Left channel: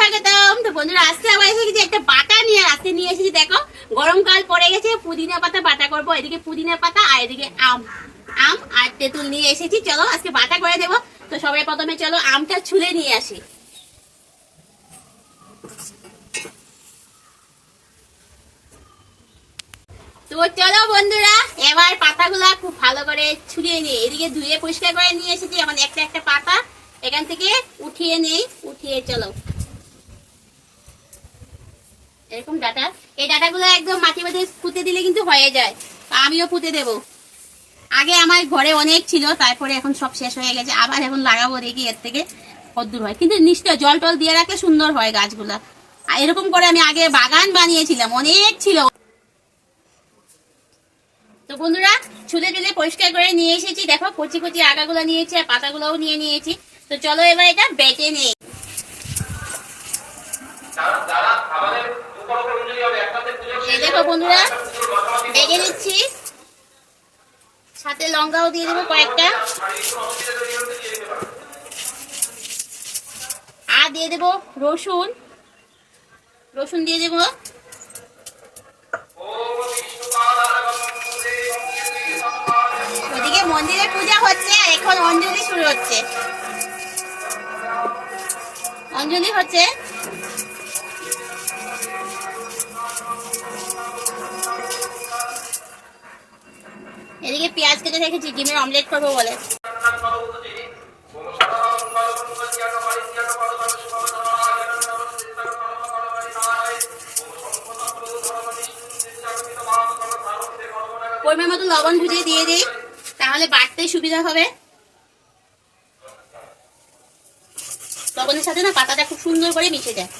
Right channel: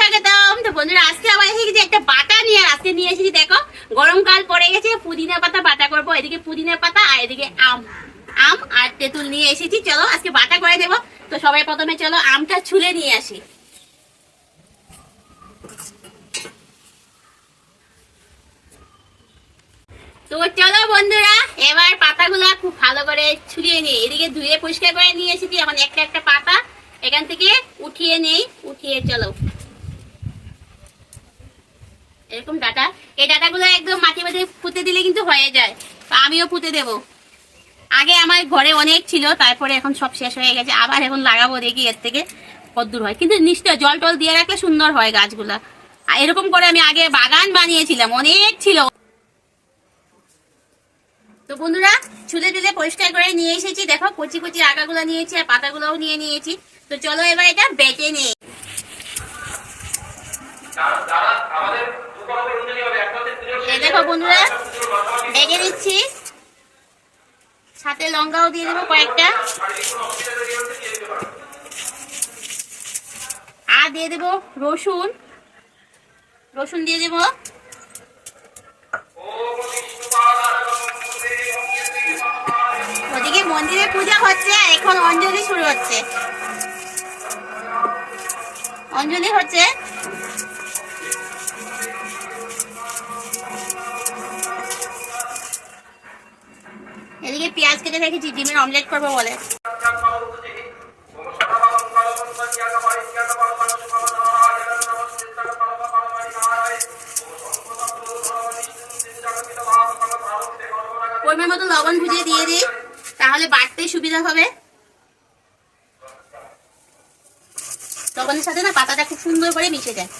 স্বাগতম। তো বন্ধুরা, আজকে আবার এসে গেছি একটা বাটা নিয়ে আজকে নিয়ে এসেছি দেখো, গরমকাল পড়ে গেছে, পুদিনা পাতা বাটা করব। এদিকে পুদিনা পাতা, আর এদিকে আম। আম আর তেঁতুল নিয়ে এসেছি। চলো, আজকে বাটা করে দেবো। তো সবাই প্রথমে চলো, আমটা ছুলে নিয়ে আসি। তো চলো বন্ধুরা, এবার পাতাগুলা খুব ভালো করে ছুলিয়ে নিই। এদিকে ধুয়ে পরিষ্কার করে নিয়ে এসেছি এখন একটা একটা পাতা। এখান থেকে উঠিয়ে নেই, উঠিয়ে চলো। এরকম ডাটা, এই ডাটাগুলো একদম মাটি মাঝে পুঁতে দিলে কিন্তু হয়ে যায়। আমিও পুঁতে দেব। আগে আমার ঘরে অনেক ছিল, তারপরে এখন সব শেষ হয়ে গেছে। আবার এখন লাগাবো দেখি এর থেকে কদ্দূর হয়। কিন্তু নিশ্চয় জল টল দিয়ে রাখলে সুন্দর হয় গাছগুলা। এরকম করে আমি আগে বাগান বানিয়েছিলাম, অনেক ছিল। তো বন্ধুরা ছুলে টুলে পরিষ্কার করে নিয়ে এসেছি। দেখো, কচি কচি আগাগুলো নিয়েছি আর পাতাগুলোও নিয়ে নিয়েছি। তো চলো এবার এটা বেটে নিই। এই দেখো বন্ধুরা বেটে নিচ্ছি। সাথে লঙ্কাও দিয়ে দেবো কয়েকটা। আর দিয়ে দেবো রসুন। রসুন দিয়ে দেবো। ওদিকে মন্দিরে পূজা হচ্ছে আর এখন অঞ্জলি শুরু হচ্ছে। অঞ্জলি হচ্ছে। পেঁয়াজ কেটে ডিমের অমলেট করব বলে। পরিমাণ মতো লবণ ভুজিয়ে দিয়ে দিই, তাহলে বাটতে সুবিধা হবে। লবণের সাথে না পাতাটা খুব সুন্দর করে মিশে যায়।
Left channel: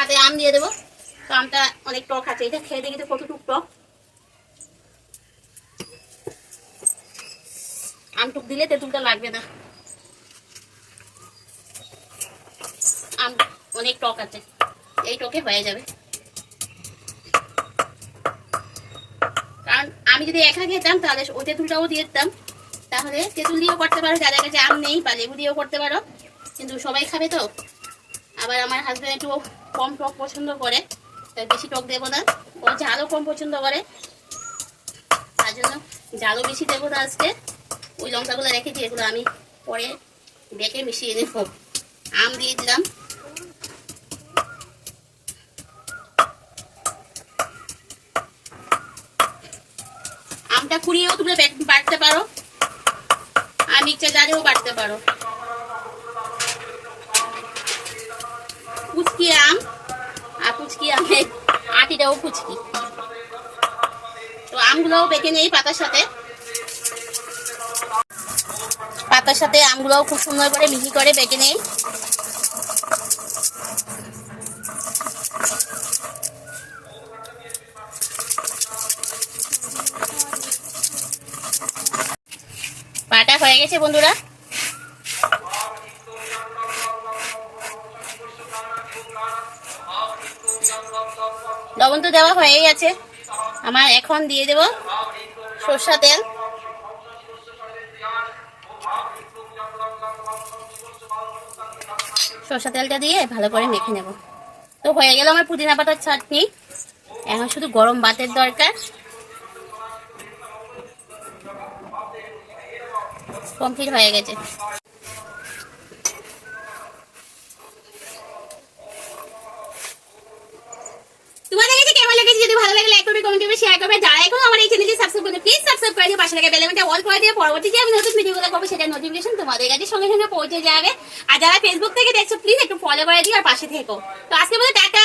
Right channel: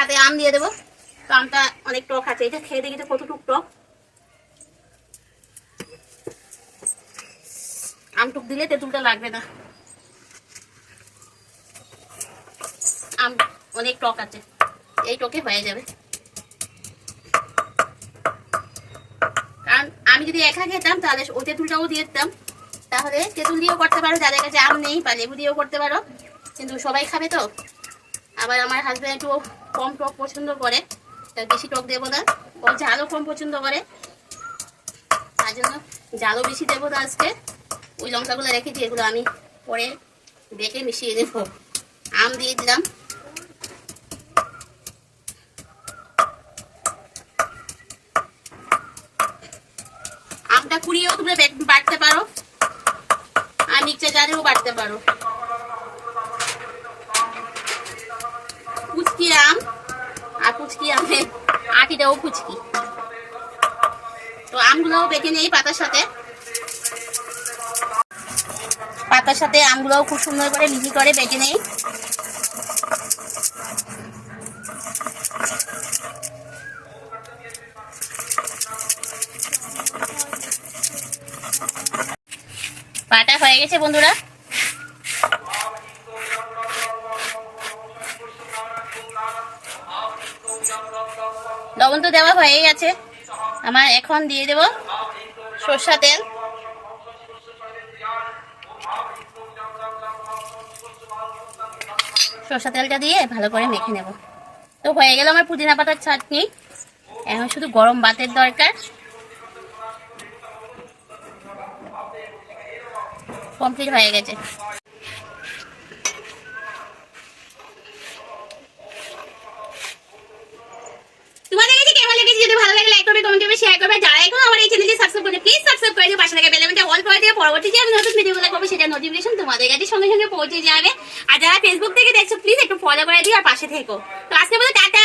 সাথে আম দিয়ে দেবো। তো আমটা অনেক টক আছে। এটা খেয়ে দেখি তো কতটুক টক। আমটুক দিলে তেঁতুলটা লাগবে না। আম অনেক টক আছে। এই টকে হয়ে যাবে। কারণ আমি যদি একা খেতাম, তাহলে ওই তেঁতুলটাও দিয়ে দিতাম। তাহলে তেঁতুল দিয়েও করতে পারো। যাদের কাছে আম নেই বা লেবু দিয়েও করতে পারো। কিন্তু সবাই খাবে তো। আবার আমার হাজব্যান্ড একটু কম টক পছন্দ করে বেশি টক দেবো না। ও ঝালও কম পছন্দ করে। তার জন্য ঝালও বেশি দেবো না আজকে। ওই লঙ্কাগুলো রেখেছি এগুলো আমি পরে বেটে মিশিয়ে দেব। আম দিয়ে দিলাম। আমটা কুড়িয়েও তুমি বেট- বাটতে পারো। আর মিক্সচার জারেও বাটতে পারো। কুচকি আম? আর কুচকি আমে। আটিটাও কুচকি তো আমগুলোও বেটে নেই পাতার সাথে। পাতার সাথে আমগুলোও খুব সুন্দর করে মিহি করে বেটে নেই। পাটা হয়ে গেছে বন্ধুরা। লবণ তো দেওয়া হয়েই আছে। আমার এখন দিয়ে দেব সর্ষা তেল। সর্ষা তেলটা দিয়ে ভালো করে মেখে নেব। তো হয়ে গেল আমার পুদিনা পাতার চাটনি। এখন শুধু গরম ভাতের দরকার। কমপ্লিট হয়ে গেছে তোমাদের যদি ভালো লাগে লাইক করবে কমেন্ট করবে শেয়ার করবে। যারা এখন আমার এই চ্যানেলটি সাবস্ক্রাইব করে প্লিজ সাবস্ক্রাইব করে দিও, পাশে থাকা বেল আইকনটা অল করে দিও। পরবর্তী যে আমি নতুন ভিডিও ভিডিওগুলো পাবো সেটা নোটিফিকেশন তোমাদের কাছে সঙ্গে সঙ্গে পৌঁছে যাবে। আর যারা ফেসবুক থেকে দেখছ প্লিজ একটু ফলো করে দিও আর পাশে থেকো। তো আজকে বলে টাটা।